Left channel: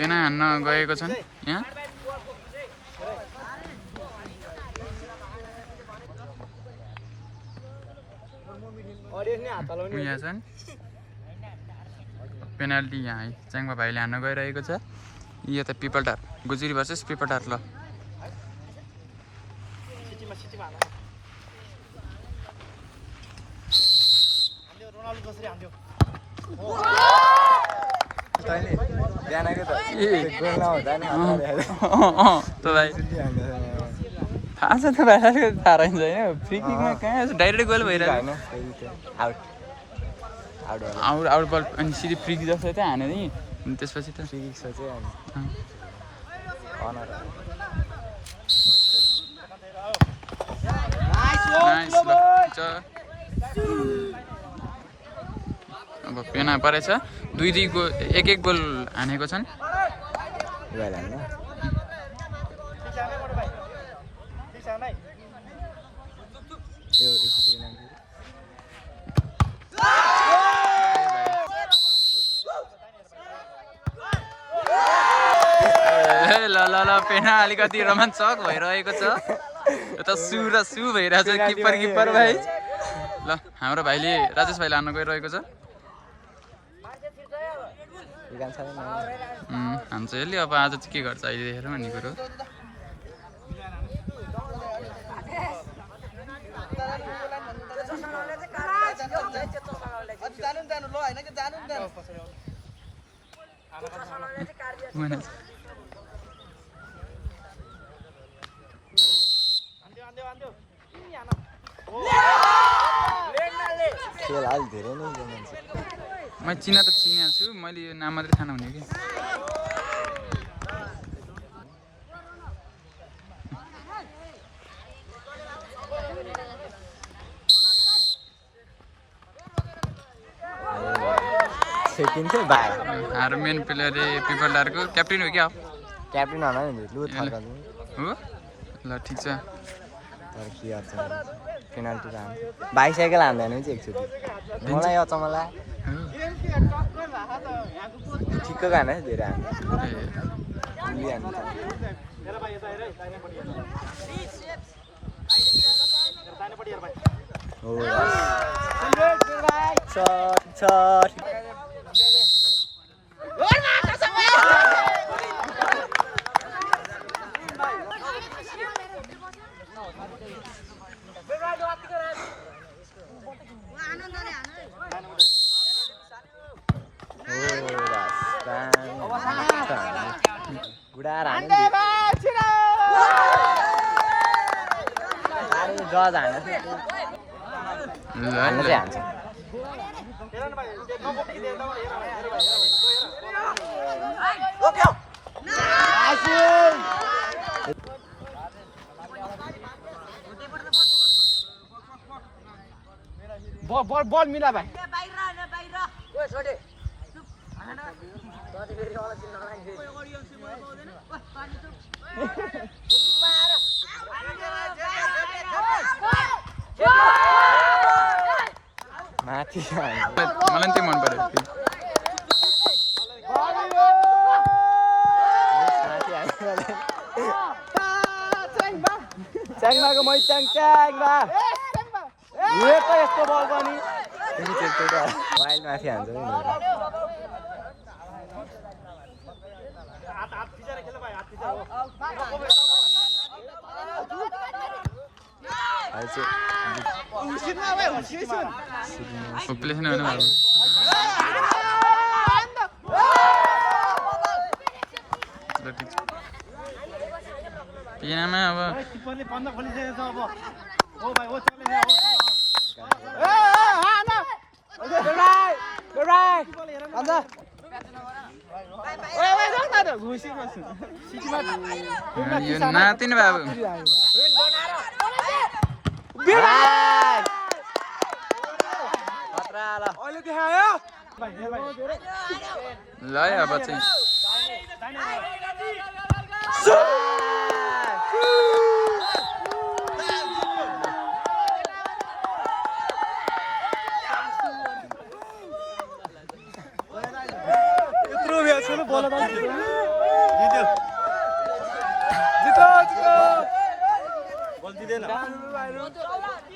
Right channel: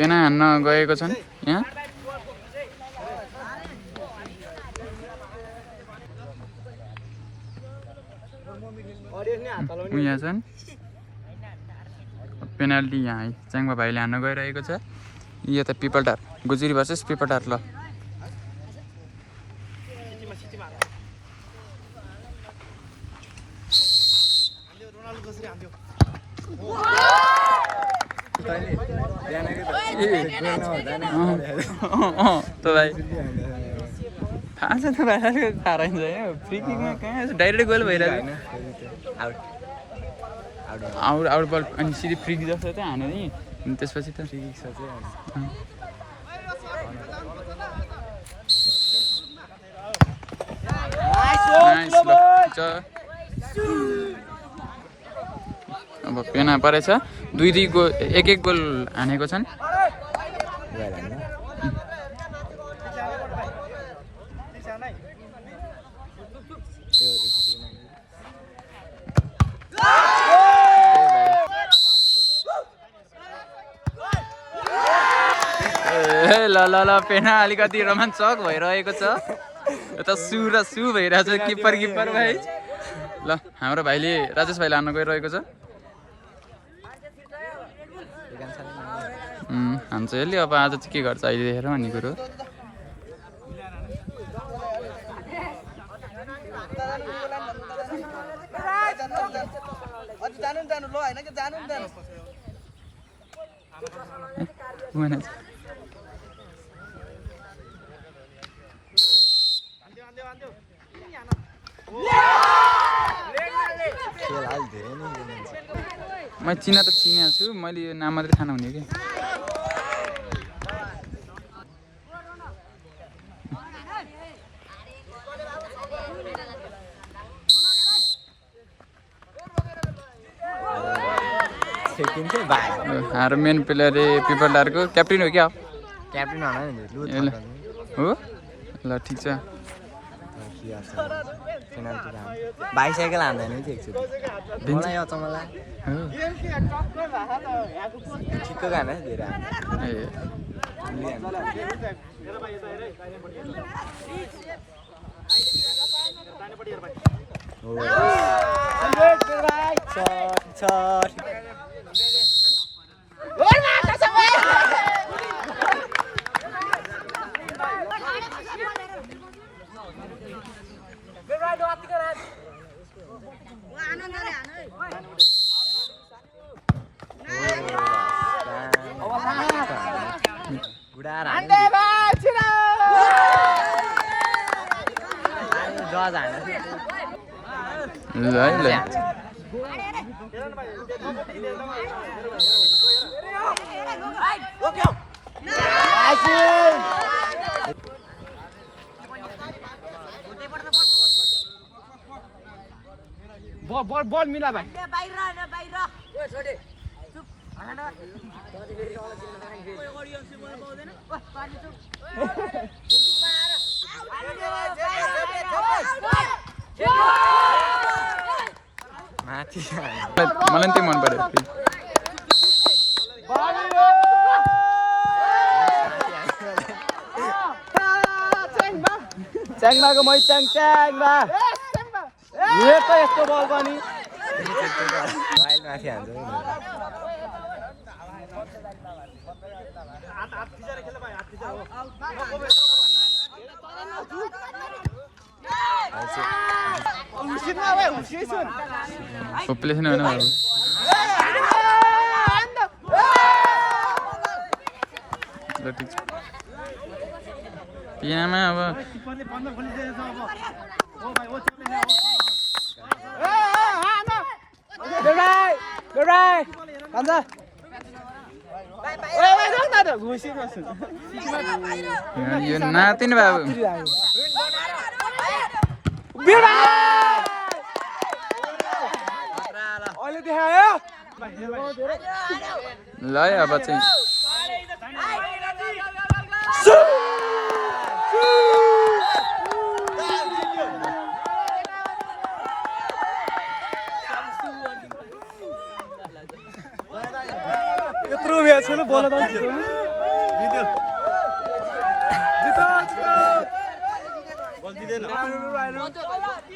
पेना हान्न गएको छन् यहाँ यहाँ छन् पेनाल्टी यहाँ च्याङ्बा भाइले हान्न गइरहेको छ यता पिपलटार गुजुरी भर्सेस पिपलटार ल थाहा छ त भाइ थाहा रहेछ होइन फ्री किकमा कहाँ डाइरेक्ट गोल भइरहेछ आउट बल अनि सिधै फ्री किक जस्तो त हाने नि त्यसपछि त नाइस ल अब पेना परेछ 2-2 गोल 1-1 गोल हानेको छन् ल ल ल पेना अलिकति रोमाञ्चक भइरहेको छ यता सु र सु भइरहेछ किपर भाइ ल हाम्रो भाइले राजेश भाइले हान्न गइरहेको छ हान्छ यसले अब आज चाहिँ के गर्छ अहिले देखेर भन्ने कुरो म चिना त चिनेको छु मैले यो नाम मात्रै थाहा नहुने कि हाम्रो मेन प्लेयर पिपलटारको क्याप्टेन हो क्या क्याप्टेन हो ल ठिक छ बाइसाइकल हान्दैन चाहिँ एकचोटि ठिक्क गाने धेरै बल मिला भाइ मलाई त्यही मन पर्यो च्याङमाको मै च्याङमा यस्तो बल पनि माथि हान्छ पपुलेसन होइन ल ठिक छ पिनामा अब यो नातिनी बाबु ल अब चाहिँ यत्रो म्याच बोल दिँदैन